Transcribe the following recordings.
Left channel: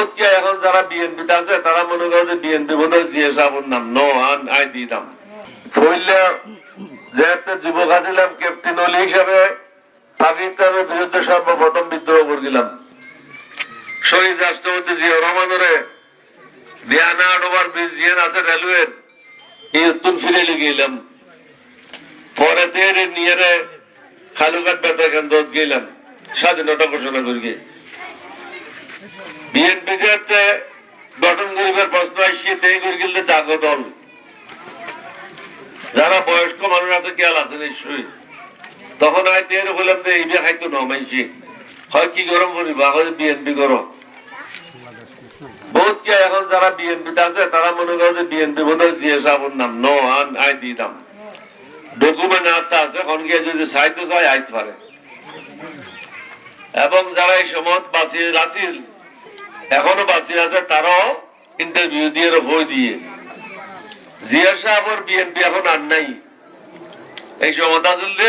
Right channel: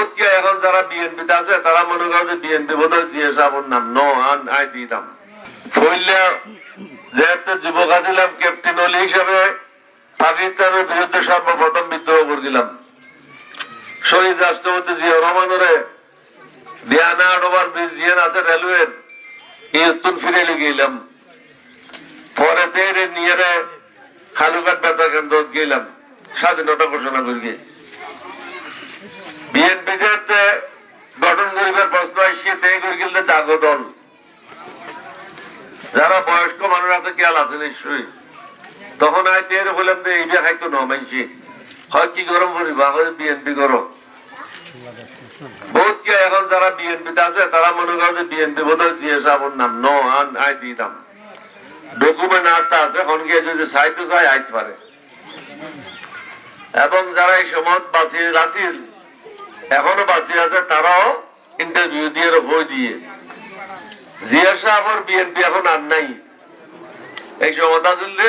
বহুত কে এখন যারা বিএনপি আছে তারা মনে করে যে বিএনপি বোধহয় জিয়া সাহেবের নাম নো আই দিতাম ফইলা যেহেতু যুবক আছিলাম ক্যাপ্টেন অলি হিসাবে পাকিস্তানের বিরুদ্ধে সর্বপ্রথম বিদ্রোহ করেছিলাম শহীদ রাষ্ট্রপতি জিয়া রহমানের দিয়ানা আডোবার ব্রিজ জিয়ান আছে রেলওয়ের এই উত্তর ফিরে গেলাম পরে তেরে নিয়ে খালুঘাট বেতা কেন্দ্র গেলাম স্বাধীনতা ঘোষণা করি বিএনপি যে গঠন করিবার প্রশ্ন আসছে তাই করে গেলে জাগো দল যারা বয়স্ক মানুষ আছে খেয়াল আছে নিশ্চয়ই তখন আইতে বললাম যে এই বিয়ে খাইতো নমাইছি হয় কি গরম করিবা বিএনপি করো বহুত কে এখন যারা বিএনপি আছে তারা মনে করে যে বিএনপি বোধহয় জিয়া সাহেবের নাম নো আই দিতাম ডকুমেন্ট হাতে আছে এখন গিয়ে যদি চাইতে চাই আইতে পারে এবং যারা এই সময় বাঁচিয়ে আছিল এখনো বাঁচিয়ে আছে তারাও ইন্টারভিউ দিয়ে বই দিয়ে জিয়া সাহেবের বিএনপি এখন আর নাই এই সময় আসলে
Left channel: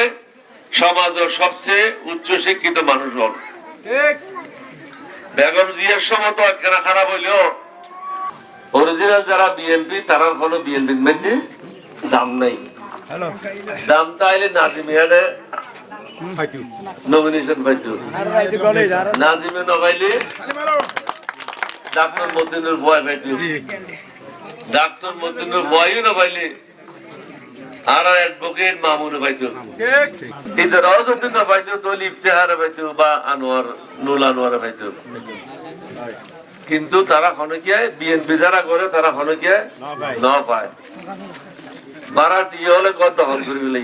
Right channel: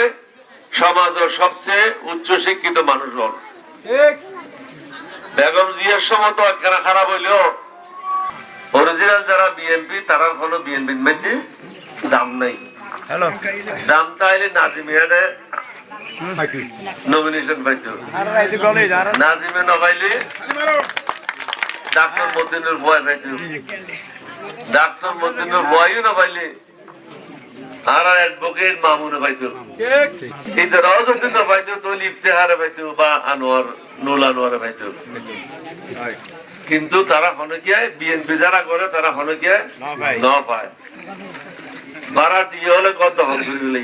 সমাজের সবচেয়ে উচ্চ শিক্ষিত মানুষ হল বেগম জিয়ার সময় তো একখানা খারাপ হইলেও অরিজিনাল যারা বিএনপি তারা কোনো বিএনপির মধ্যে দাম নাই দাম তাইলে নাজিমিয়ানে নমিনেশন পাইতো নাজিমে নপাইলে ডাক্তার মতিনুর ভয় পাইতো ডাক্তার মতিনুর ভয়ও না পাইলে আর অ্যাডভোকেট মামুনে পাইতো এটারাও যদি না পাইতো তো ইফতেহারে পাইতো বা আনোয়ার নুল আনোয়ারে পাইতো কিন্তু তারা খনকিয়া বিএনপি যারা করে তারা খনকিয়া ন পায় বারাটি হলে কত দখল করে